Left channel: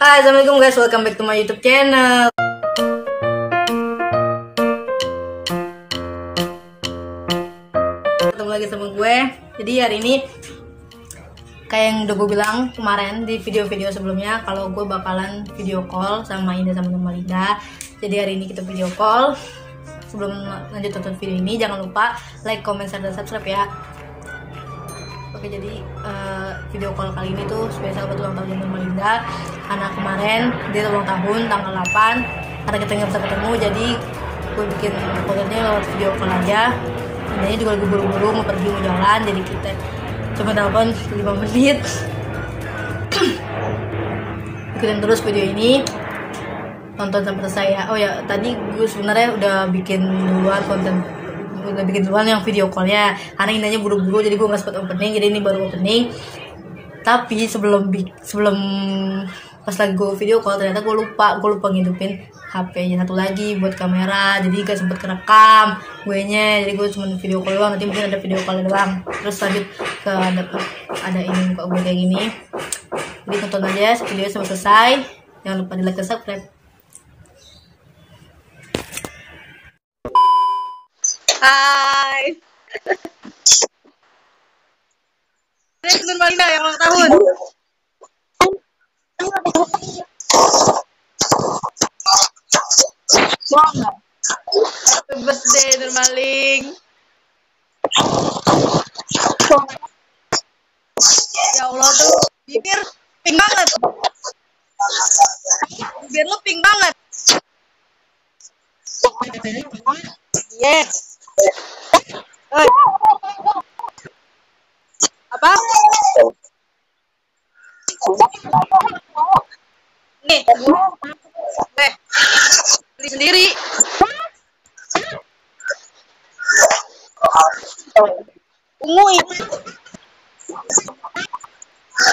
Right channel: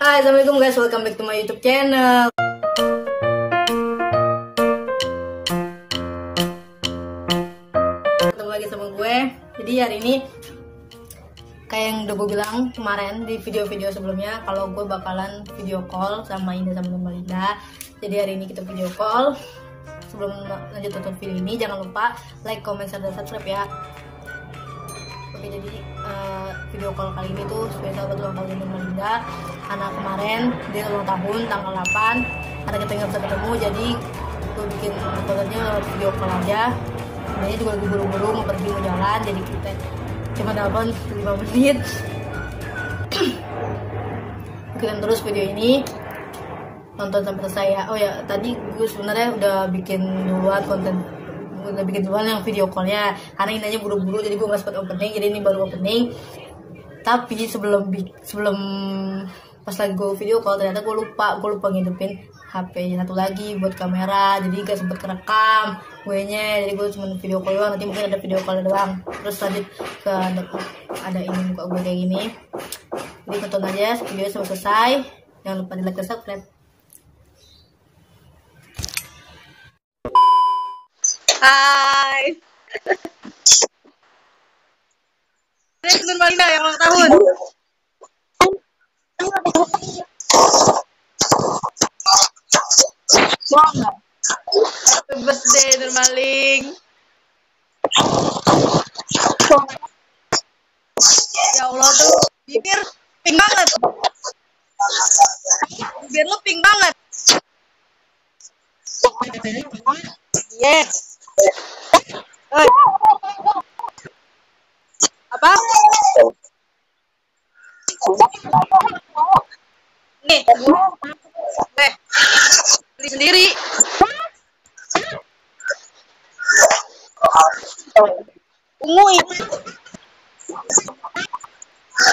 Hai, assalamualaikum guys, welcome back to my YouTube channel. Ketemu lagi sama gue. Jadi hari ini kayak yang udah gue bilang kemarin di video-video sebelumnya, kalau gue bakalan video call sama Indah sama Normalinda. Jadi hari ini kita video call. Sebelum lanjut tonton video ini, jangan lupa like, comment, share, dan subscribe ya. Oke, jadi video call kali ini tuh spesial buat ulang tahun Normalinda. Karena kemarin dia ulang tahun tanggal 8. Karena kita nggak bisa ketemu, jadi gue bikin kontennya lewat video call aja. Ini juga lagi buru-buru mau pergi mau jalan, jadi kita cuma telepon 5 menit. Ikutin terus video ini, tonton sampai selesai ya. Oh ya, tadi gue sebenarnya udah bikin duluan yang video callnya, karena Indahnya buru-buru jadi gue nggak sempat opening, jadi ini baru opening. Tapi sebelum pas lagi gue video call, ternyata gue lupa ngidupin HP-nya satu lagi buat kamera, jadi gak sempet kerekam gue nya, jadi gue cuma video call doang. Nanti mungkin ada video call doang, terus lanjut ke ada ini muka gue kayak gini. Jadi tonton aja video sampai selesai, jangan lupa di like dan subscribe. Hai. Normalinda yang ulang tahun. Happy birthday Normaling. Ya Allah tuh bibir pink banget. Bibir lu pink banget. Yes. Oi. Apa? Nih, beli sendiri. Ungu ini.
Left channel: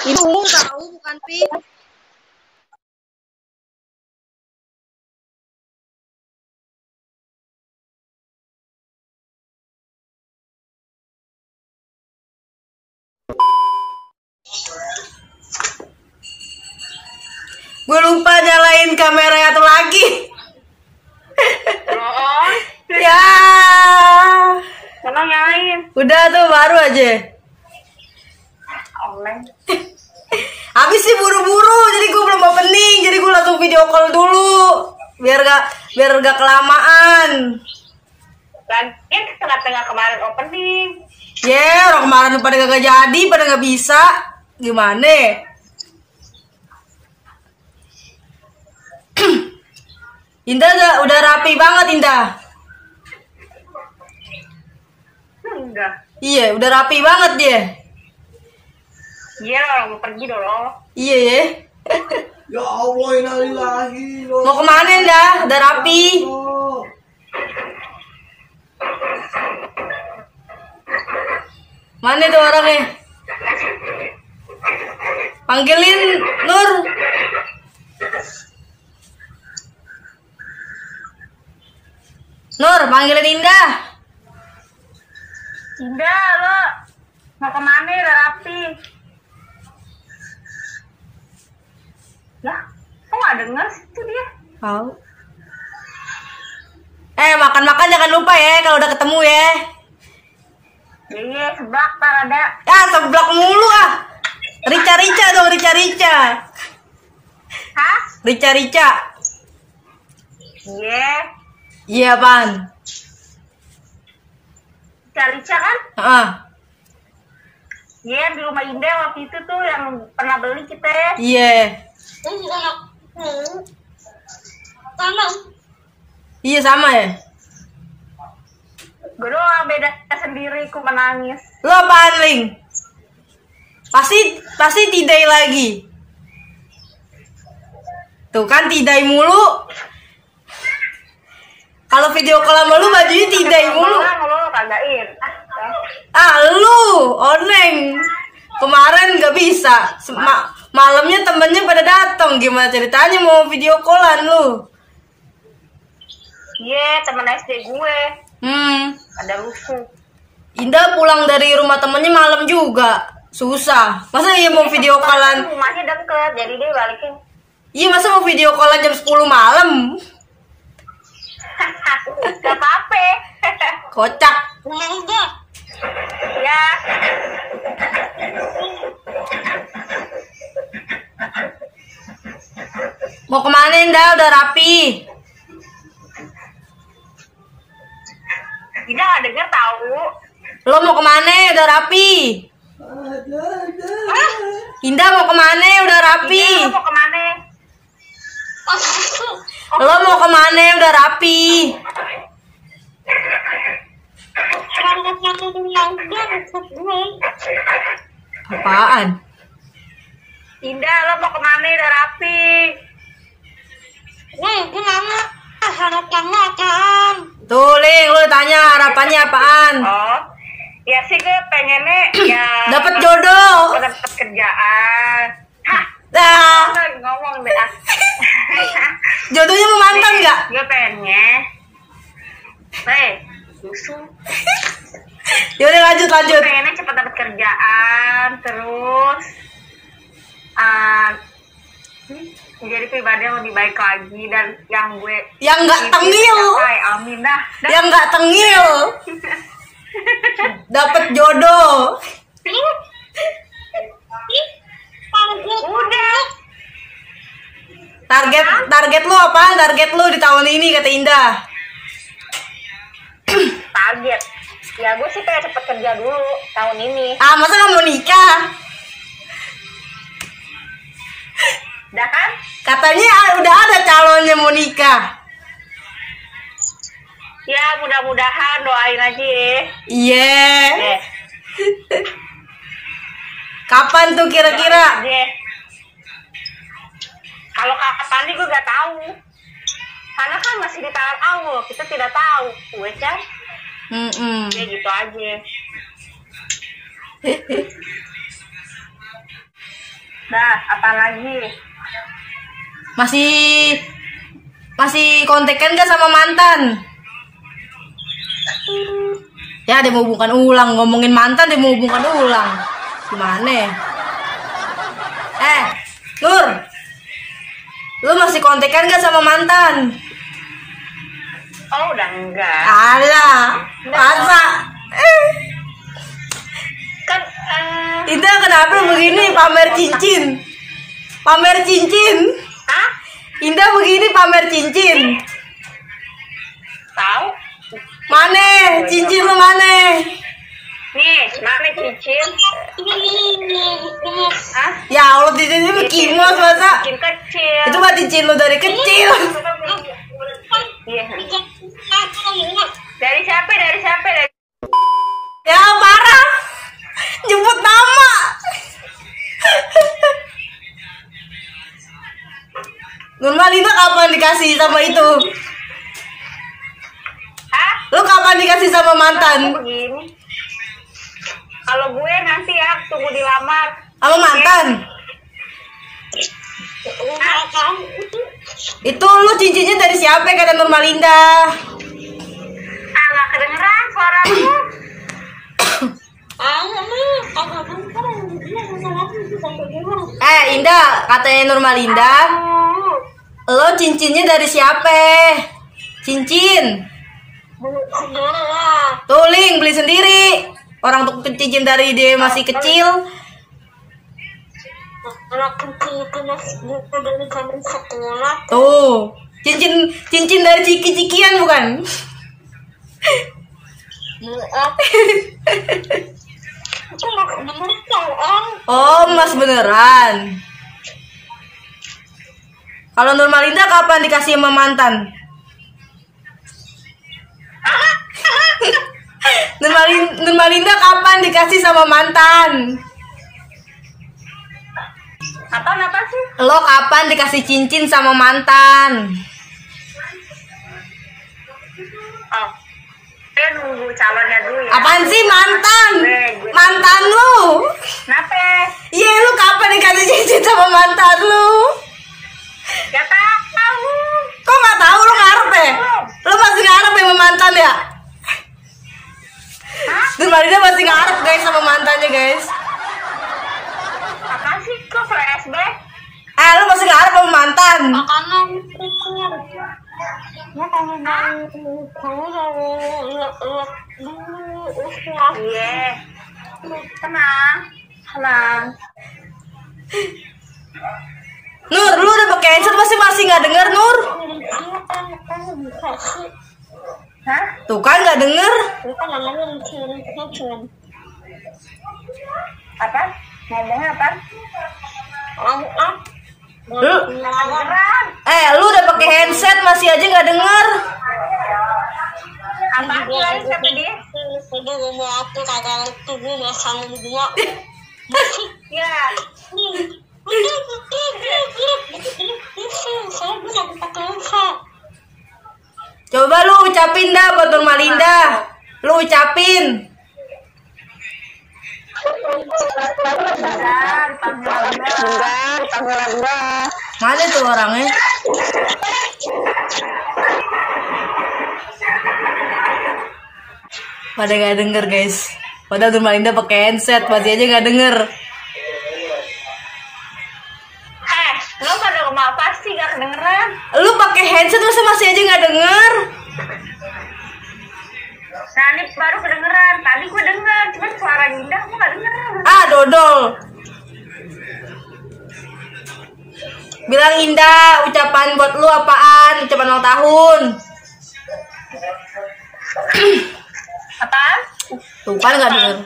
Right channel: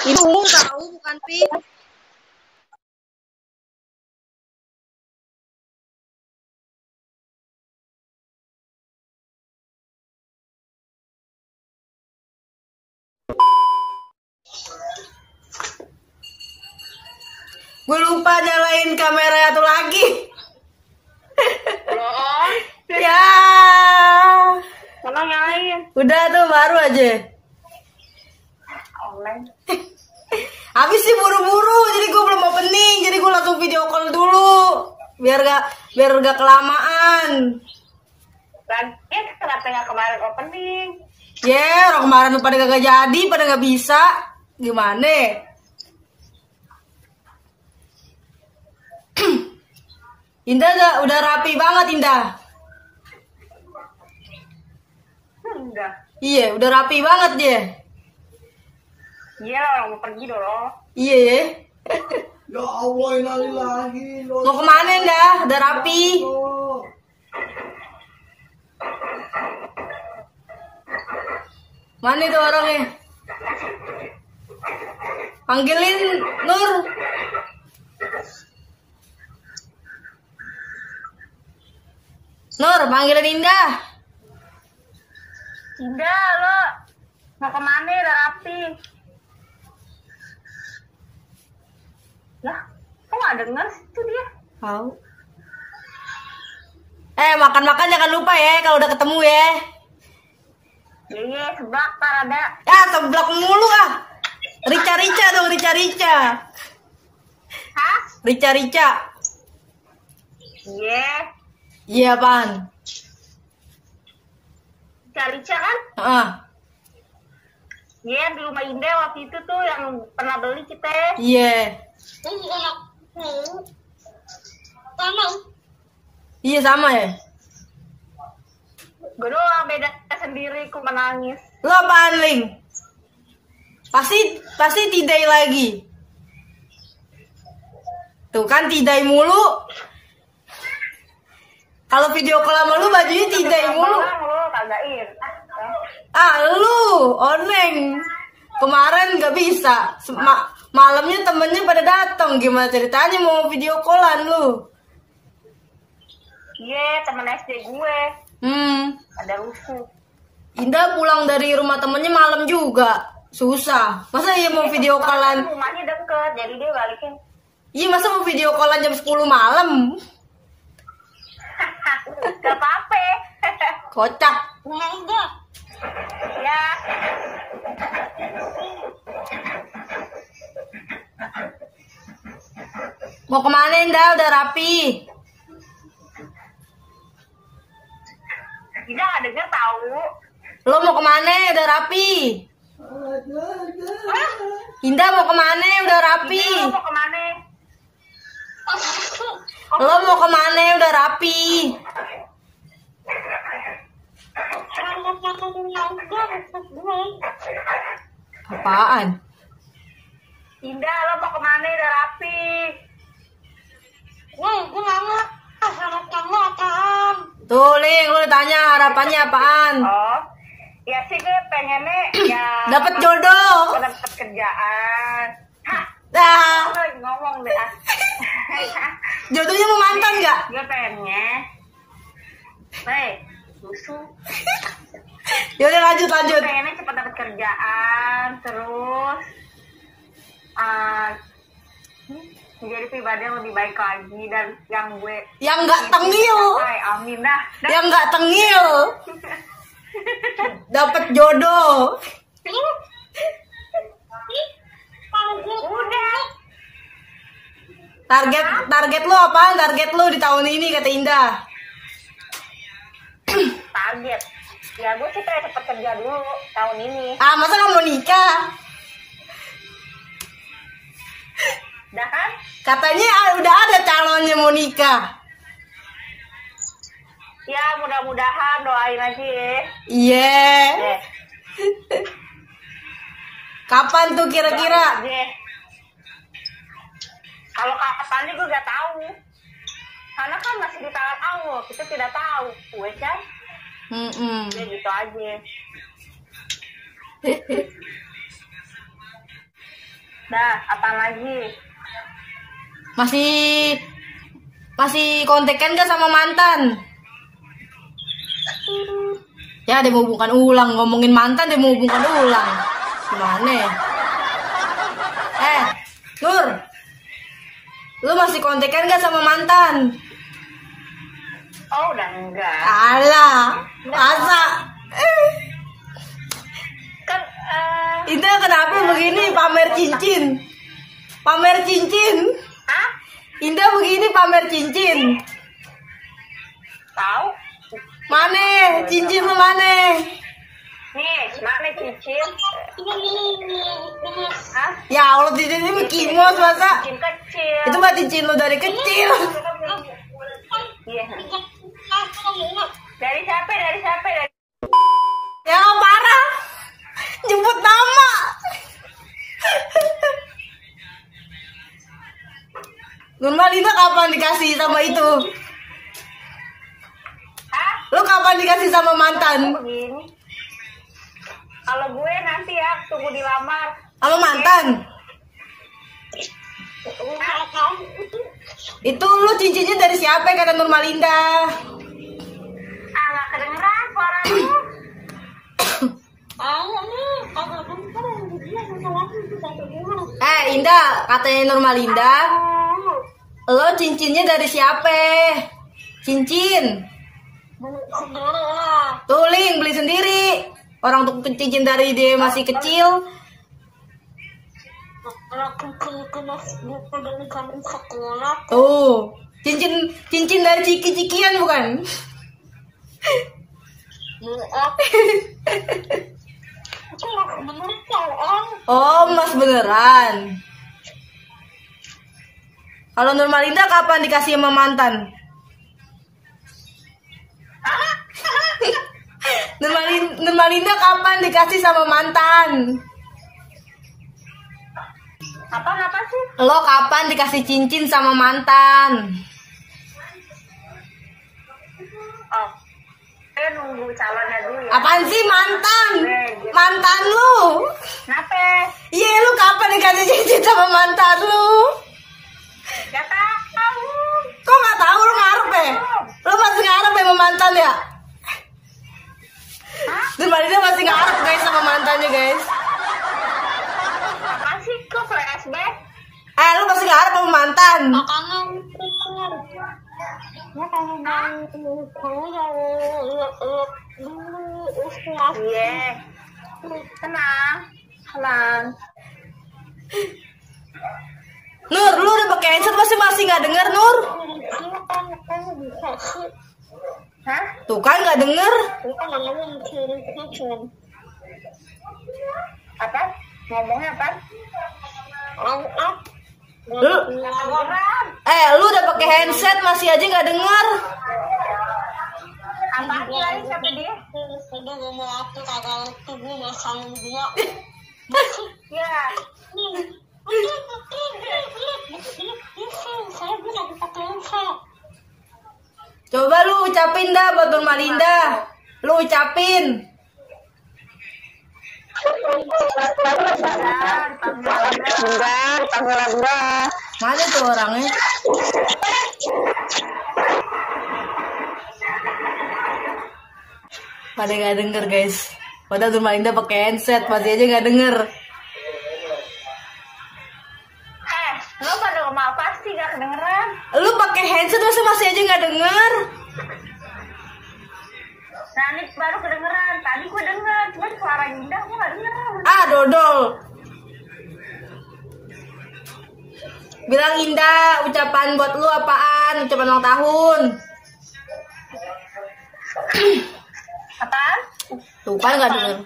Ini ungu tahu, bukan pink. Gue lupa nyalain kamera satu lagi. Ya. Emang nyalain? Udah tuh, baru aja. Habis sih buru-buru, jadi gue belum opening, jadi gue langsung video call dulu, biar gak kelamaan. Kan kenapa nggak kemarin opening? Orang kemarin pada gak jadi, pada gak bisa, gimana? Indah udah rapi banget, Indah. Enggak. Iya, udah rapi banget dia. Iya, orang mau pergi dong. Iya ya. Ya Allah, innalillahi. Mau kemana, Indah? Udah rapi. Mana tuh orangnya? Panggilin Nur. Nur, panggilin Indah. Indah, lo mau kemana? Udah rapi. Ya, kok nggak denger sih tuh dia? Tahu. Makan-makan jangan lupa ya kalau udah ketemu ya. Iya, seblak tar ada. Seblak mulu ah. Rica dong, Rica. Hah? Rica. Iya. Iya, Pan. Rica kan? Iya, di rumah Indah waktu itu tuh yang pernah beli kita. Iya. Iya sama ya. Gue doang beda sendiri, ku menangis. Lo apaan, Ling? Pasti tidai lagi. Tuh kan tidai mulu. Kalau video call sama lu bajunya tidai mulu. Lo kagain. Lu, Oneng. Kemarin gak bisa. Malamnya temennya pada datang. Gimana ceritanya mau video callan lu? Iya, temen SD gue. Ada rusuh. Indah pulang dari rumah temennya malam juga. Susah. Masa iya mau video callan? Rumahnya deket, jadi dia balikin Iya, masa mau video callan jam 10 malam? Gak apa-apa. Kocak. Ya. Mau kemana Indah? Udah rapi. Tidak denger tahu. Lo mau kemana? Udah rapi. Indah mau kemana? Udah rapi. Iya, mau kemana? Lo mau kemana? Udah rapi. Apaan? Indah, lo mau kemana? Udah rapi. Tuh, Ling, lo tanya harapannya apaan? Oh, ya sih gue pengennya ya Dapat jodoh. dapat kerjaan. Hah, Dah. ngomong deh. Jodohnya mau mantan nggak? Gue pengennya. Susu. Yaudah lanjut. Gue pengennya cepat dapat kerjaan, terus menjadi pribadi yang lebih baik lagi dan yang gue Yang nggak tengil. Amin dah. Yang nggak tengil. Dapat jodoh. Udah. Target lu apa? Target lu di tahun ini kata Indah. Target. Ya gue sih pengen cepet kerja dulu tahun ini. Ah, masa nggak mau nikah? Udah kan? Katanya udah ada calonnya mau nikah. Ya mudah-mudahan doain aja ya. Iya. Eh, Kapan tuh kira-kira? aja. Kalau kapan nih gue gak tahu. Karena kan masih di tahap awal, kita tidak tahu, gue kan. Ya gitu aja. Nah, apa lagi? Masih kontekan gak sama mantan? Ya, dia mau hubungkan ulang. Ngomongin mantan, dia mau hubungkan ulang. Gimana? Nur, lu masih kontekan gak sama mantan? Oh, udah enggak. Alah, masa? Kan, Itu kenapa begini pamer cincin? Pamer cincin? hah? Indah begini pamer cincin? Tahu? Mana? Cincin lu mana? Nih, mana cincin? Hah? Ya Allah, cincinnya kimos masa? Cincin kecil. Itu mah cincin lu dari kecil. Iya. Dari siapa? Dari siapa? Dari... Ya parah. Nyebut nama. Nurmalina kapan dikasih sama itu? Hah? Lu kapan dikasih sama mantan? Begini. Kalau gue nanti ya tunggu dilamar. Sama mantan? Itu lu cincinnya dari siapa kata Nurmalinda? Nggak kedengeran suara lu. Indah, katanya Nurmalinda, lo cincinnya dari siapa? Cincin. Tuling beli sendiri. Orang tuh cincin dari dia masih kecil. Tuh, cincin dari ciki-cikian bukan? Oh, mas beneran. Kalau Nurmalinda kapan dikasih sama mantan? Nurmalinda kapan dikasih sama mantan? Apa sih? Lo kapan dikasih cincin sama mantan? Oh, saya nunggu calonnya dulu ya. Apaan sih mantan? Mantan lu? Kenapa? Iya, lu kapan dikasih cincin sama mantan lu? Gak tahu. Kok nggak tahu, lu ngarep ya? Lu masih ngarep ya sama mantan ya? Hah? Nurmalinda masih ngarep guys sama mantannya guys. Apa sih? Kok flashback? Lu masih ngarep sama sama mantan? Tenang. Nur, lu udah pakai headset masih nggak denger, Nur? Hah? Tuh kan nggak denger. Apa? Ngomongnya apa? Lu, lu udah pakai handset masih aja nggak denger. Apa? Siapa dia? Ya. Coba lu ucapin dah buat Nurmalinda. Lu ucapin. Mana tuh orangnya? Pada gak denger guys. Padahal Nurmalinda pakai handset masih aja gak denger. Lo pada ngomong apa sih gak kedengeran? Lu pakai headset masa masih aja gak denger? Nah ini baru kedengeran. Tadi gue denger, cuman suara Indah gue gak denger. Ah, dodol. Bilang Indah, ucapan buat lu apaan? Ucapan ulang tahun. Apaan? Tuh kan gak denger.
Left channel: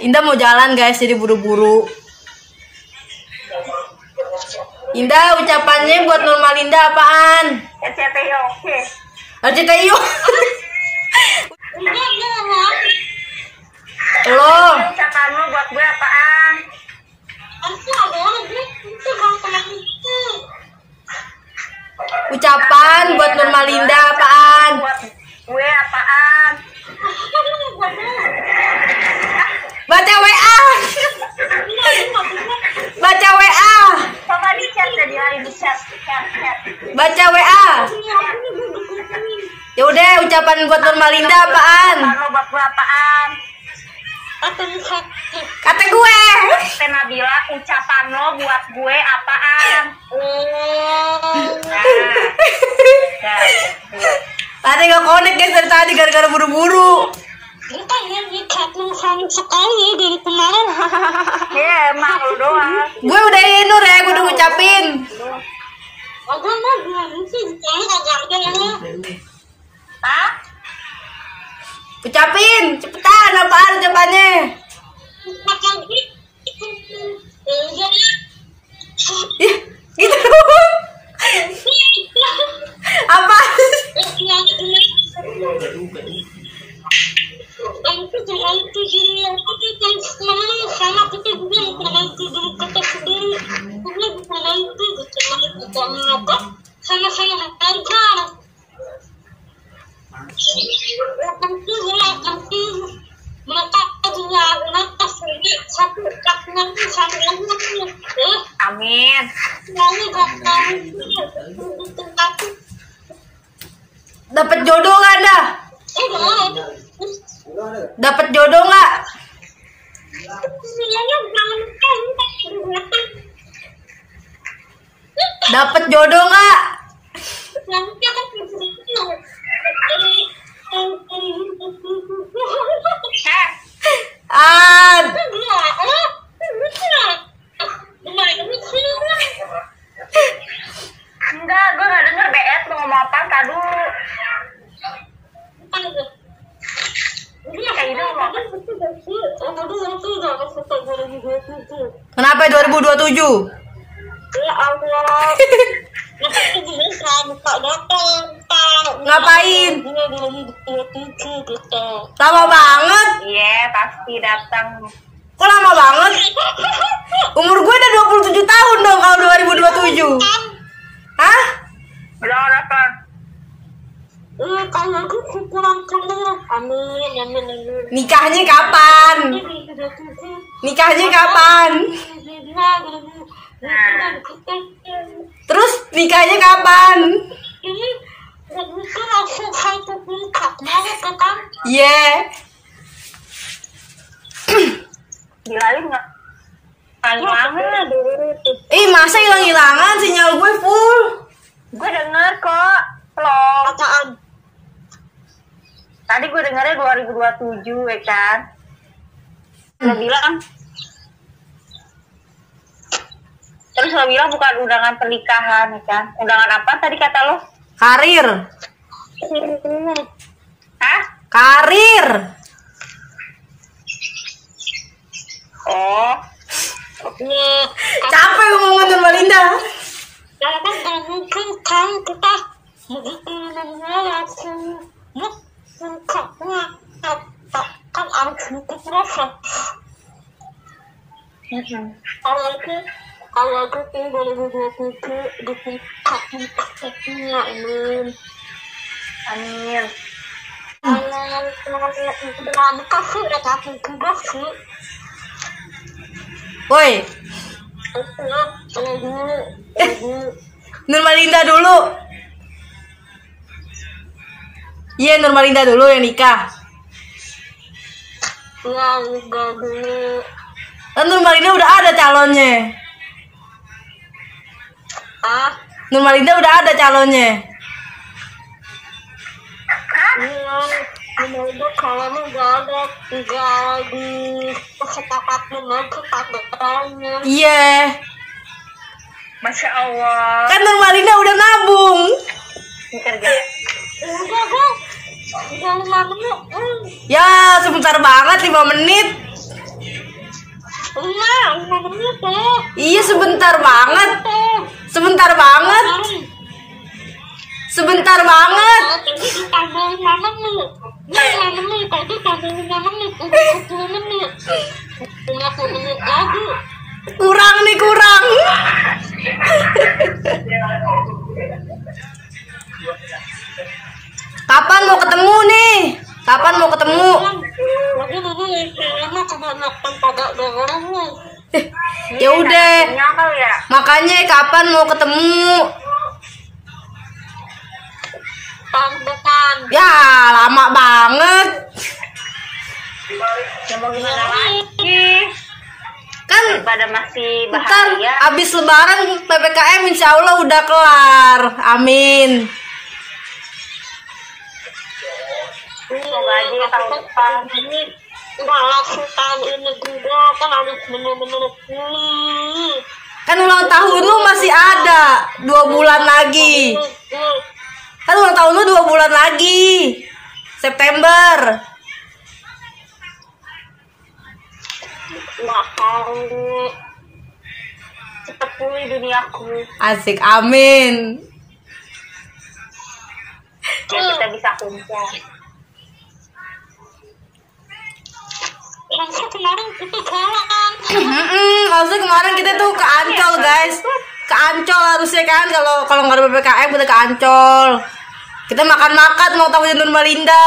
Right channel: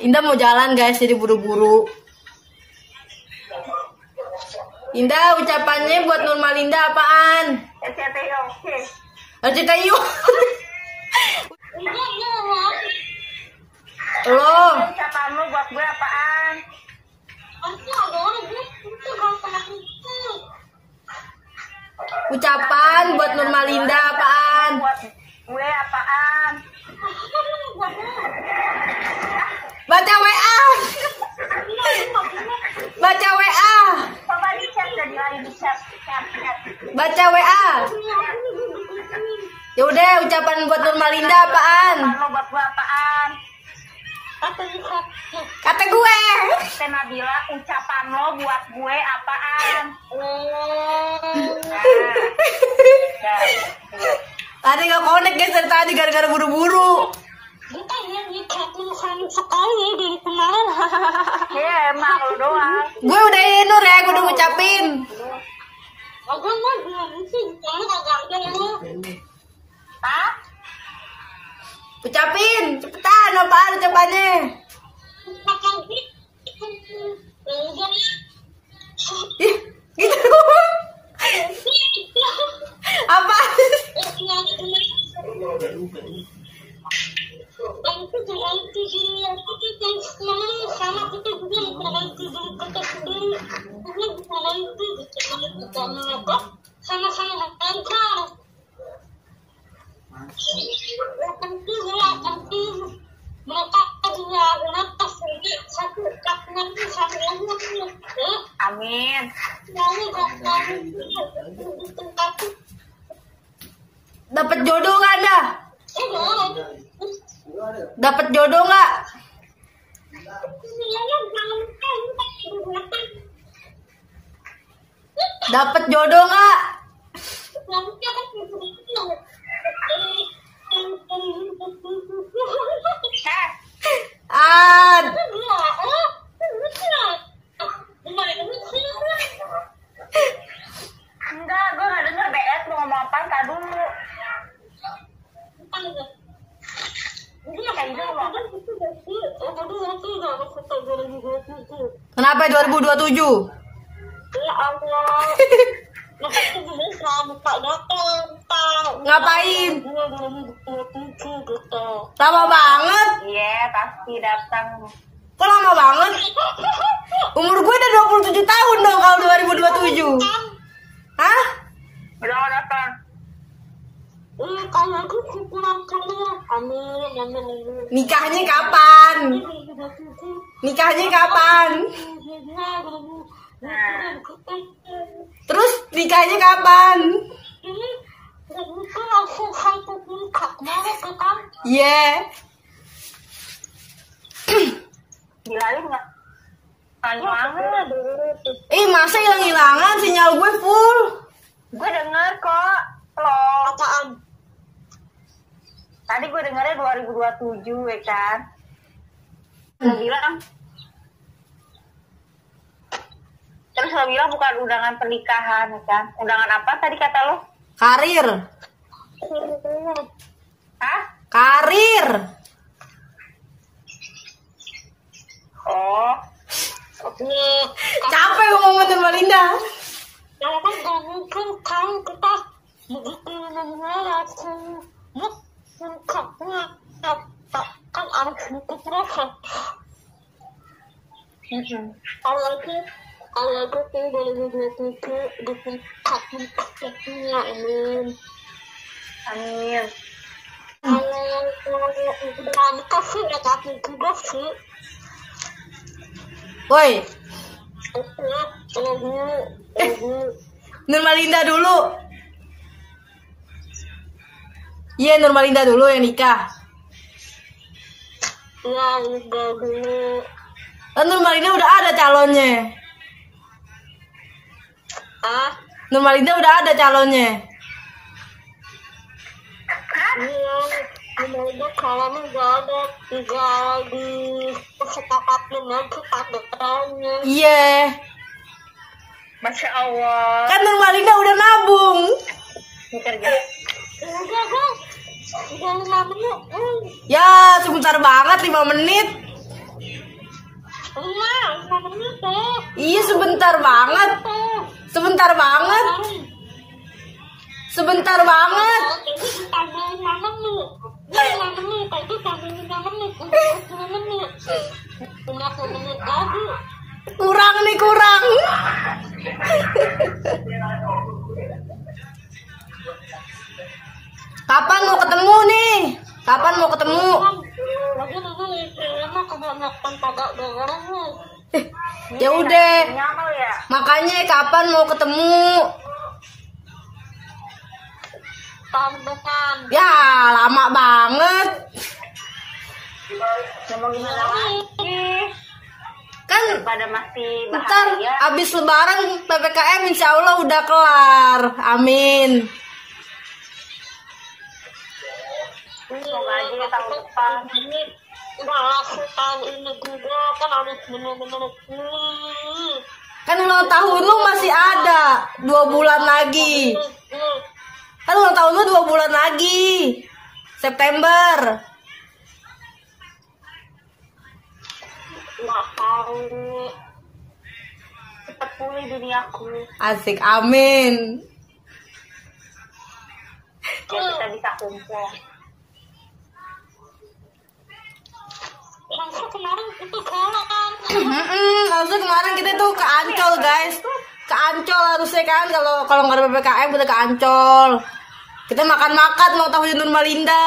Indah mau jalan guys, jadi buru-buru. Indah, ucapannya buat Nurmalinda apaan? RCTI oke. RCTI yuk. Lo. Ucapan lo buat gue apaan? Ucapan buat Nurmalinda apaan? Buat gue apaan? Baca WA. Baca WA. Coba di chat, jadi lagi di chat. Baca WA. Ya udah, ucapan buat Nurmalinda apaan? Ucapan lo buat gue apaan? Kata gue. Nabila, ucapan lo buat gue apaan? Tadi gak connect guys dari tadi gara-gara buru-buru. Kita yang dicatin sayang sekali dari kemarin. Ya emang lo doang. Gue udah Nur ya, gue udah ngucapin. Agak mau bilang sih, saya agak ada yang Hah? Ucapin, cepetan apaan ucapannya? makan Ih, gitu dong. Apa? Amin. Dapat jodoh nggak dah? Dapat jodoh nggak? Dapat jodoh nggak? Ah, Enggak, gue gak denger BS lo ngomong apa, tak dulu. Kayak gitu ngomong. kenapa 2027? Ya Allah. Ngapain? Lama banget. Iya, pasti datang. Kok lama banget? Umur gue udah 27 tahun dong kalau 2027. Hah? Berapa? Kalau aku kurang kenal. Amin, amin, amin. Nikahnya kapan? Nikahnya kapan? Terus nikahnya kapan? Ini begitu langsung satu tingkat banget kan? Iya. Dilalin nggak? Hilangan. Ih, masa hilang-hilangan? Sinyal gue full. Gue denger kok. Vlog. Apaan? Tadi gue dengernya 2027 ya kan. Lo bilang. Terus lo bilang bukan undangan pernikahan ya kan. Undangan apa tadi kata lo? Karir. Hah? Karir. Oh. Capek ngomongin Nur Malinda. Karena gak mungkin kan kita kan harus buku proses. Kalau aku tinggal di buku amin. Amin. Kalau kasih udah kasih tugas sih. Woi, Nur Malinda dulu. Iya, Nur Malinda dulu yang nikah. Ya, udah dulu. Kan Nur Malinda udah ada calonnya. Nur Malinda udah ada calonnya. Itu kalau nggak ada tinggal di kesepakatan nanti pakai perannya. Iya. Masya Allah. Kan Nur Malinda udah nabung. Enggak kan? Yang namanya Ya, sebentar banget 5 menit. iya, 5 menit tuh. Iya, sebentar banget. Sebentar banget. Sebentar banget. Tadi ditambah 5 menit. 5 menit, tadi tambah 5 menit. Udah 10 menit. 50 menit lagi. Kurang nih, kurang. Kapan mau ketemu nih? Kapan mau ketemu? Lagi dulu yang pertama kebanyakan pada dengarnya. Ya udah. Nyakal ya. Makanya kapan mau ketemu? Tahun depan. Ya, lama banget. Ya mau gimana lagi? Kan Daripada masih ntar bahagia. abis lebaran PPKM insya Allah udah kelar. Amin. Semoga aja ya tahun depan. Ini nggak langsung tahun ini juga kan harus bener-bener pulih. Kan ulang tahun lu masih ada 2 bulan lagi. Kan ulang tahun lu 2 bulan lagi. September. Nggak tahu. Cepet pulih duniaku. Asik, amin. Ya kita bisa kumpul. Langsung kemarin kita jalan. Maksudnya kemarin kita tuh ke Ancol, guys. Ke Ancol harusnya kan, kalau nggak ada PPKM kita ke Ancol. Kita makan-makan mau tahunya Nur Malinda.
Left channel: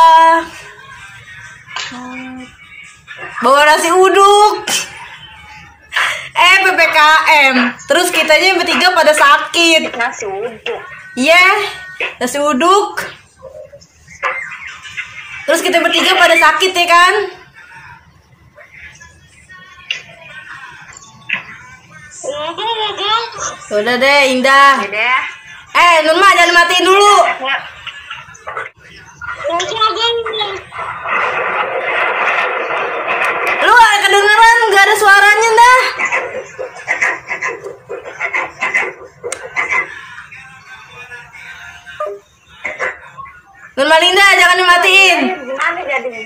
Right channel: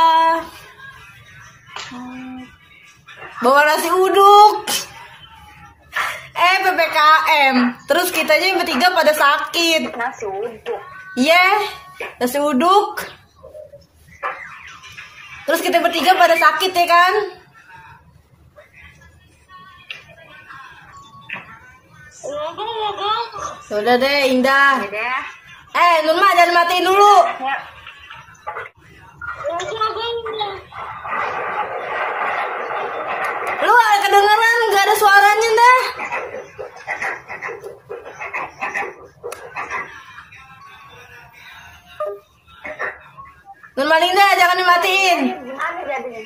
Bawa nasi uduk. PPKM. Terus kitanya bertiga pada sakit. Nasi uduk. Iya, nasi uduk. Terus kita bertiga pada sakit ya kan? Ya guys. Udah deh, Indah. Ya deh. Nurma jangan matiin dulu. Ya. Lu ada kedengeran nggak ada suaranya dah. Nur Malinda jangan dimatiin. Gimana jadi?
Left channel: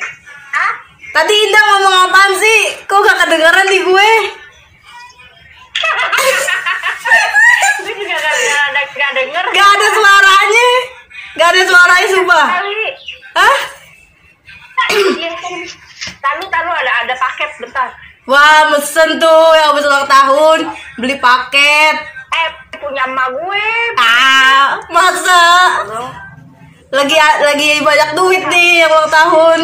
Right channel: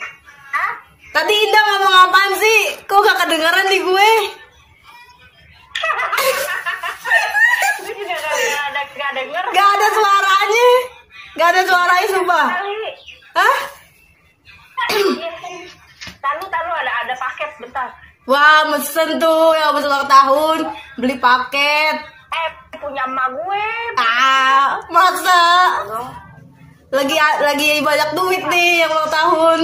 Hah? Tadi Indah ngomong apaan sih? Kok gak kedengeran di gue? Gue juga gak denger. Gak ada suaranya. Gak ada suaranya sumpah. Kali. Hah? Tahu ada paket bentar. Wah, mesen tuh yang habis ulang tahun beli paket. Punya emak gue. Masa? Lagi banyak duit nih yang ulang tahun.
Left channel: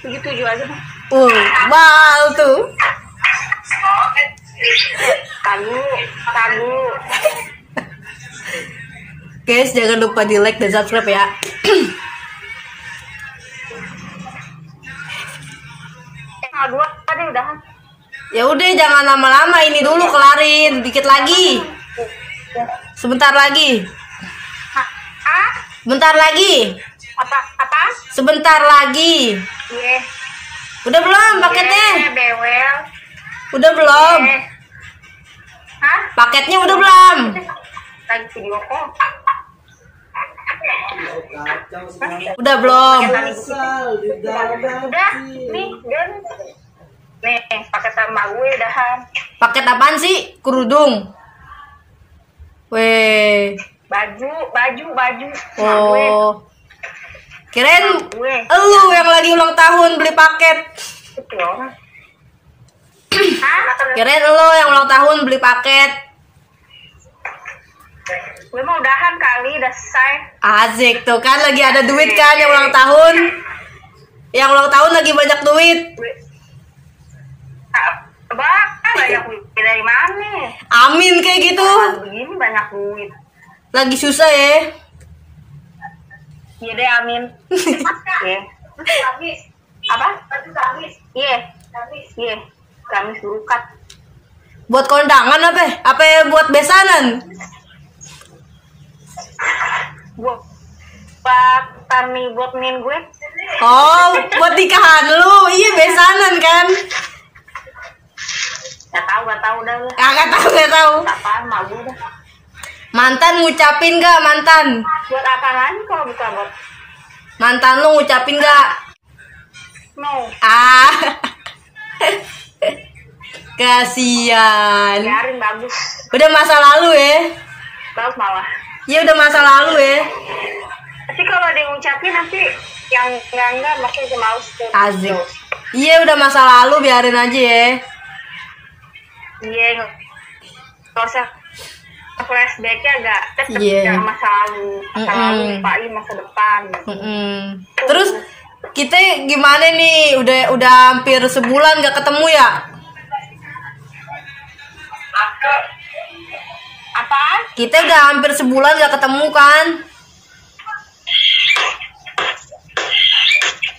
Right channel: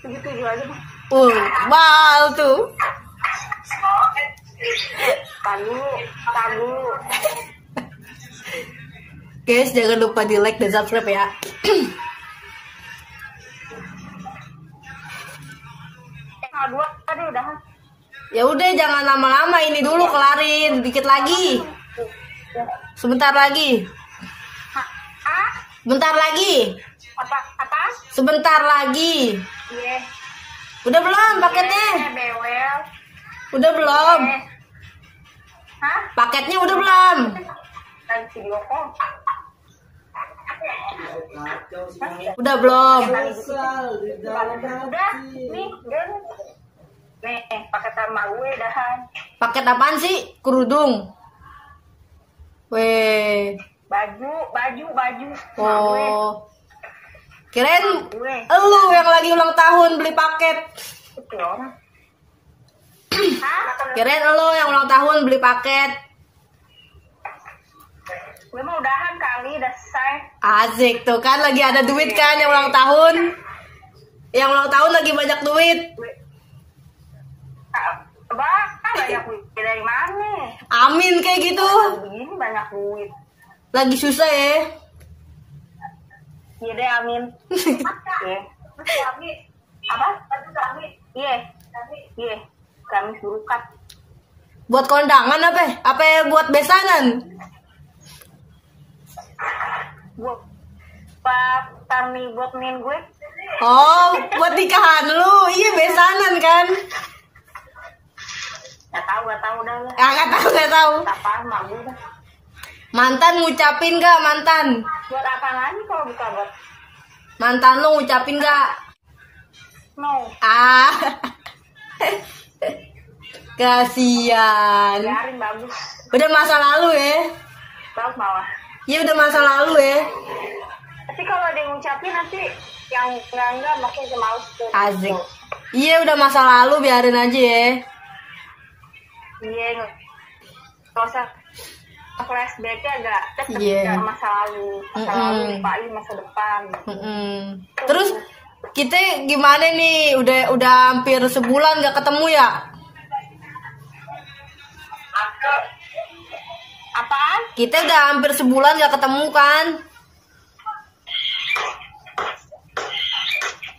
Begitu aja. Wow tuh. Tahu. Guys, jangan lupa di like dan subscribe ya. dua tadi udahan. Ya udah jangan lama-lama, ini dulu kelarin, dikit lagi. Sebentar lagi. Ah? Bentar lagi. Apa? Sebentar lagi. Iya. Udah belum paketnya? Bewel. Udah belum? Hah? Paketnya udah belum? Lagi video call. Udah belum? Udah, nih, paket sama gue udahan. Paket apaan sih? Kerudung. Weh. Baju. Oh. Kirain Gue. lu yang lagi ulang tahun beli paket. Itu orang. Hah? Kirain lu yang ulang tahun beli paket. Gue mau udahan kali, udah selesai. Asik tuh kan, lagi ada duit kan yang ulang tahun. Yang ulang tahun lagi banyak duit. Banyak duit dari mana? Amin kayak gitu. Begini banyak duit. Lagi susah ya. Iya deh, amin. Iya. Apa? Iya. Gamis berukat. Buat kondangan apa? Apa buat besanan? Buat Tami, buat min gue. Oh, buat nikahan lu. Iya besanan kan? Gak tahu dah. Gak tahu. Apaan mau gue dah. Mantan ngucapin gak mantan? Buat apa lagi kalau bukan buat? Mantan lu ngucapin gak? No. Ah. Kasian. Biarin, bagus. Udah masa lalu ya. Bagus malah. Iya udah masa lalu ya. Tapi kalau ada yang ngucapin nanti yang enggak makin males tuh. Asik. Iya udah masa lalu, biarin aja ya. Iya, nggak usah flashbacknya agak tetep Iya. ke masa lalu lupain masa depan. Terus kita gimana nih? Udah hampir sebulan gak ketemu ya? Apaan? Kita udah hampir sebulan gak ketemu kan?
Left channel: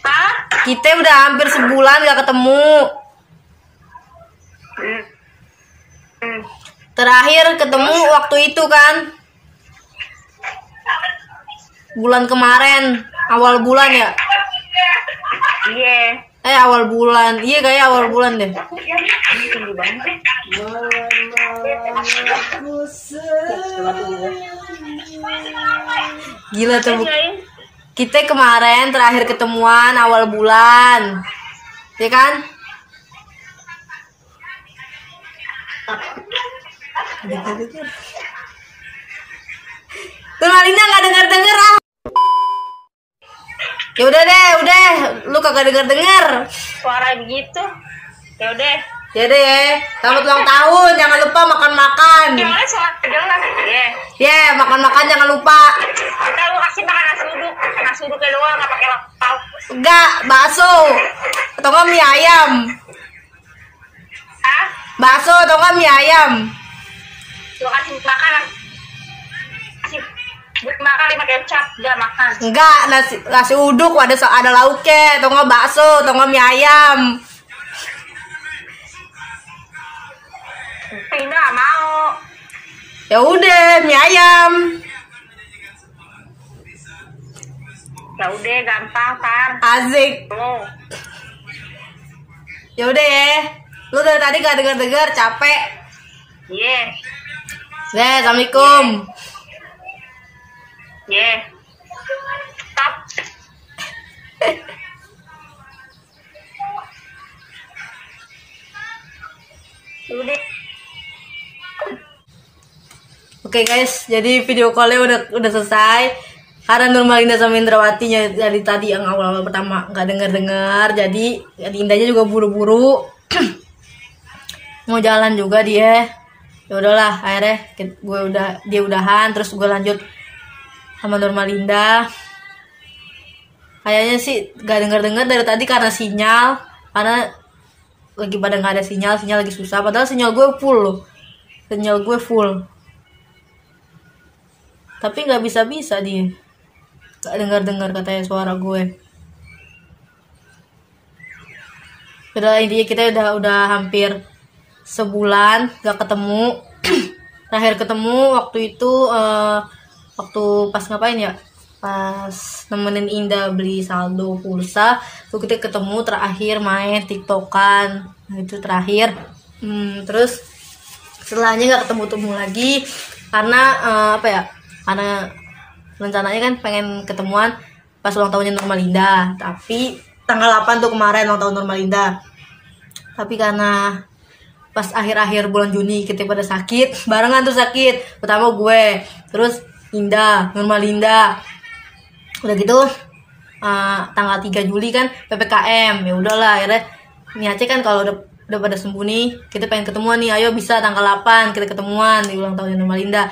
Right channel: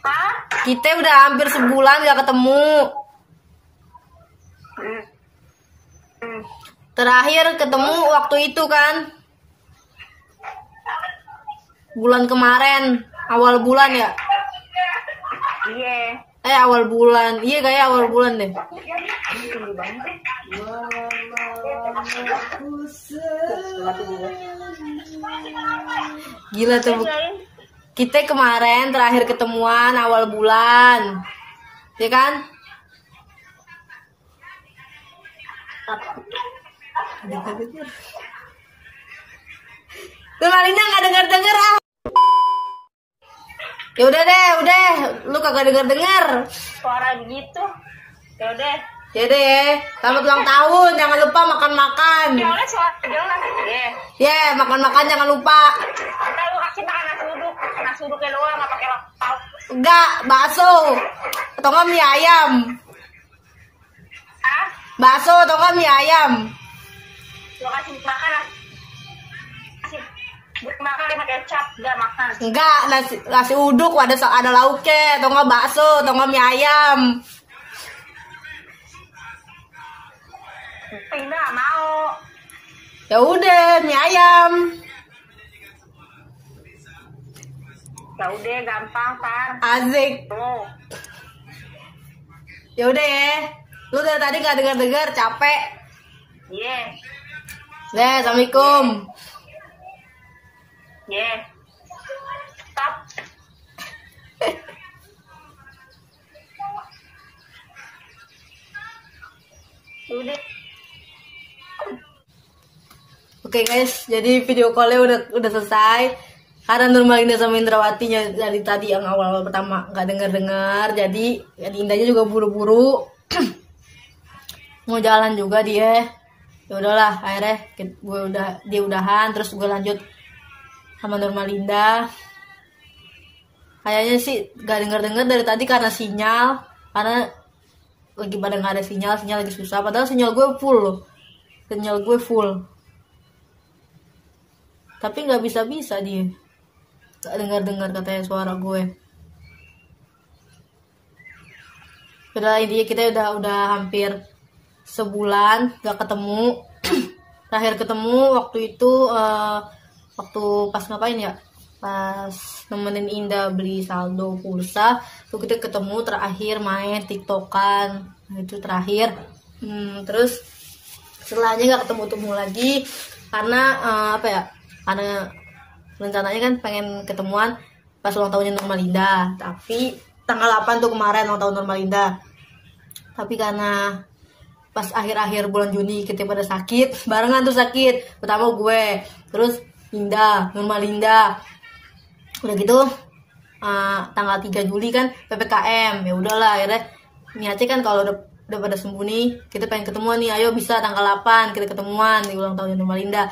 Hah? Kita udah hampir sebulan gak ketemu. Terakhir ketemu waktu itu kan? Bulan kemarin, awal bulan ya? Iya. Awal bulan. Iya kayak awal bulan deh. Tinggi banget. Gila tuh. Kita kemarin terakhir ketemuan awal bulan. Ya kan? Tuh Malina gak denger ah. Ya udah deh, lu kagak denger. Suara begitu. Ya udah. Ya deh ya. Selamat ulang tahun, jangan lupa makan-makan. Soalnya suara jelas. Ya, makan-makan jangan lupa. Kita lu kasih makan nasi uduknya doang, nggak pakai lauk. Enggak, bakso. Atau enggak mie ayam. Ah? Bakso atau enggak mie ayam. Lu kasih makan buat makan pakai kecap, enggak makan. Enggak, nasi uduk ada lauknya, atau enggak bakso, atau enggak mie ayam. Enggak mau. Ya udah, mie ayam. Ya udah gampang, Par. Asik. Lu. Ya udah ya. Lu dari tadi gak dengar capek. Iya. Deh, assalamualaikum. Iya. Stop. Udah. Oke guys, jadi video call-nya udah selesai. Karena Nurmalinda sama Indrawatinya dari tadi yang awal pertama nggak dengar, jadi Indahnya juga buru-buru mau jalan juga dia. Ya udahlah, akhirnya dia udahan, terus gue lanjut sama Nurmalinda. Kayaknya sih nggak dengar dari tadi karena sinyal, karena lagi pada nggak ada sinyal lagi susah. Padahal sinyal gue full loh, tapi nggak bisa dia. Gak dengar katanya suara gue. Intinya kita udah hampir sebulan gak ketemu. Terakhir ketemu waktu itu waktu pas ngapain ya, pas nemenin Indah beli saldo pulsa tuh kita ketemu terakhir main tiktokan. Nah, itu terakhir. Terus setelahnya gak ketemu lagi karena karena rencananya kan pengen ketemuan pas ulang tahunnya Normalinda, tapi tanggal 8 tuh kemarin ulang tahun Normalinda. Tapi karena pas akhir-akhir bulan Juni kita pada sakit, barengan tuh sakit. Pertama gue, terus Indah, Normalinda. Udah gitu tanggal 3 Juli kan PPKM. Ya udahlah, akhirnya niatnya kan kalau udah pada sembuh nih, kita pengen ketemuan nih, ayo bisa tanggal 8 kita ketemuan di ulang tahun Normalinda.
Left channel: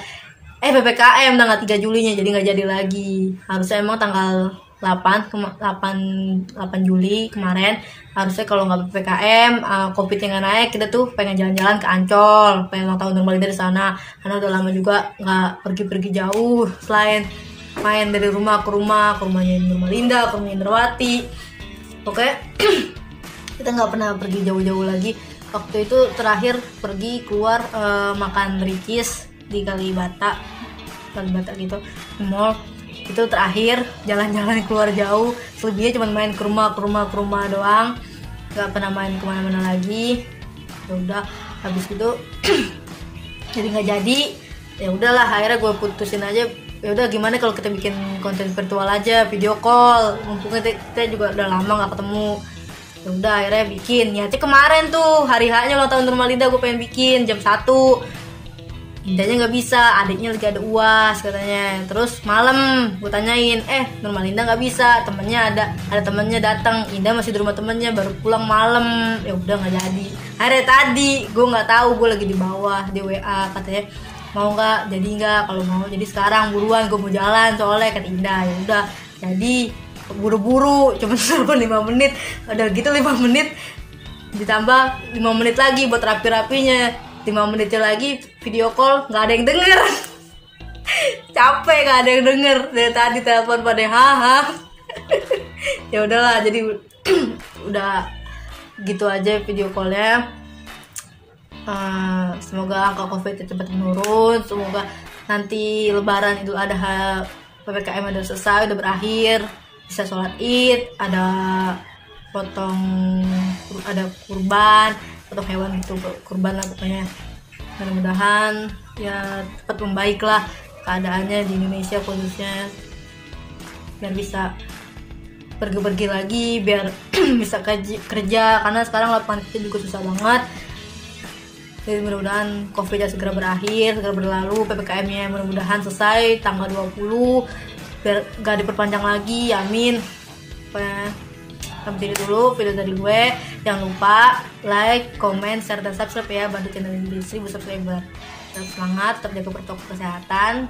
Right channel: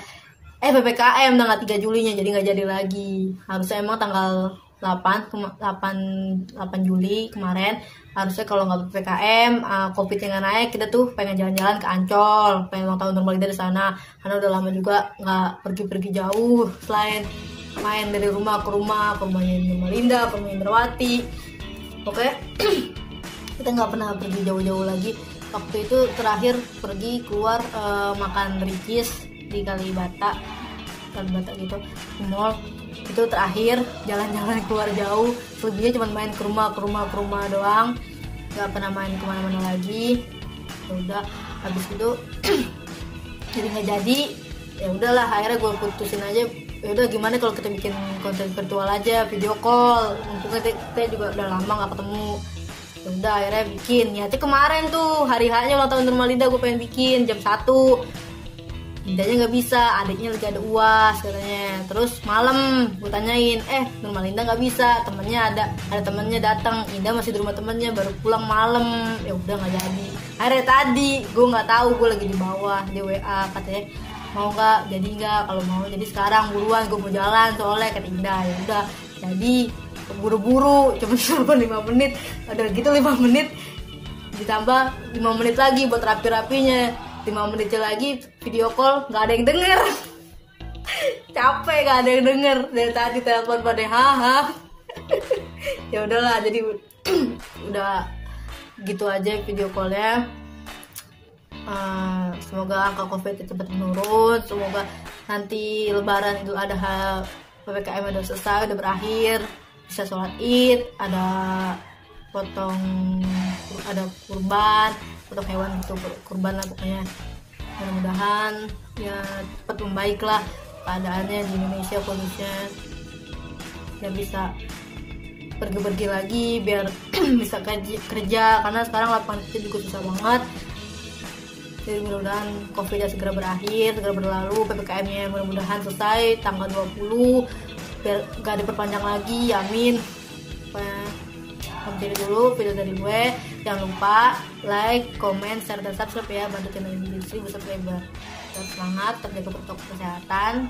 PPKM tanggal 3 Julinya jadi nggak jadi lagi. Harusnya emang tanggal 8 Juli kemarin, harusnya kalau nggak PPKM, COVID yang nggak naik, kita tuh pengen jalan-jalan ke Ancol, pengen ulang tahun Normalinda di sana, karena udah lama juga nggak pergi-pergi jauh, selain main dari rumah ke rumahnya Normalinda, ke rumahnya Indrawati. Oke, kita nggak pernah pergi jauh-jauh lagi. Waktu itu terakhir pergi keluar makan Ricis di Kalibata gitu, mall. Itu terakhir jalan-jalan keluar jauh. Selebihnya cuma main ke rumah doang, nggak pernah main kemana-mana lagi. Ya udah, habis itu jadi nggak jadi. Ya udahlah, akhirnya gue putusin aja. Ya udah, gimana kalau kita bikin konten virtual aja, video call, mumpung kita juga udah lama nggak ketemu. Ya udah, akhirnya bikin. Niatnya kemarin tuh hari H-nya ulang tahun Normalinda gue pengen bikin jam 1. Indahnya nggak bisa, adiknya lagi ada UAS katanya. Terus malam gue tanyain, Normalinda nggak bisa, temennya ada temennya datang. Indah masih di rumah temennya, baru pulang malam. Ya udah nggak jadi. Akhirnya tadi gue nggak tahu, gue lagi di bawah di WA, katanya mau nggak, jadi nggak, kalau mau jadi sekarang buruan, gue mau jalan soalnya, kata Indah. Ya udah, jadi buru-buru, cuma 5 menit. Udah gitu 5 menit ditambah 5 menit lagi buat rapi-rapinya. 5 menitnya lagi video call, nggak ada yang denger. Capek, nggak ada yang denger. Dari tadi telepon pada haha. Ya udahlah, jadi udah gitu aja video callnya. Semoga angka COVID cepat menurun. Semoga nanti Lebaran Idul Adha PPKM udah selesai, udah berakhir, bisa sholat Id, ada kurban atau hewan gitu, kurban lah pokoknya. Mudah-mudahan ya cepat membaik lah keadaannya di Indonesia khususnya, biar bisa pergi-pergi lagi, biar bisa kerja, karena sekarang lapangan kerja juga susah banget. Jadi mudah-mudahan COVID-nya segera berakhir, segera berlalu, PPKM-nya mudah-mudahan selesai tanggal 20, biar gak diperpanjang lagi, amin. Sampai dulu video dari gue. Jangan lupa like, comment, share, dan subscribe ya, bantu channel ini 1000 subscriber. Tetap semangat, tetap jaga protokol kesehatan,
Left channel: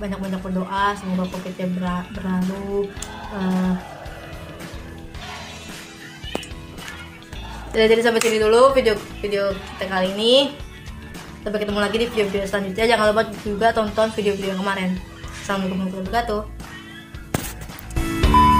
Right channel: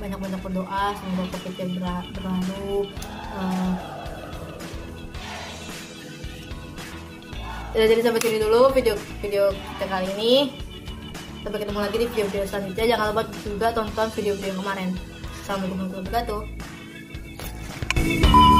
banyak-banyak berdoa semoga COVID-nya berlalu. Jadi sampai sini dulu video kita kali ini. Sampai ketemu lagi di video-video selanjutnya. Jangan lupa juga tonton video-video yang kemarin. Assalamualaikum warahmatullahi wabarakatuh.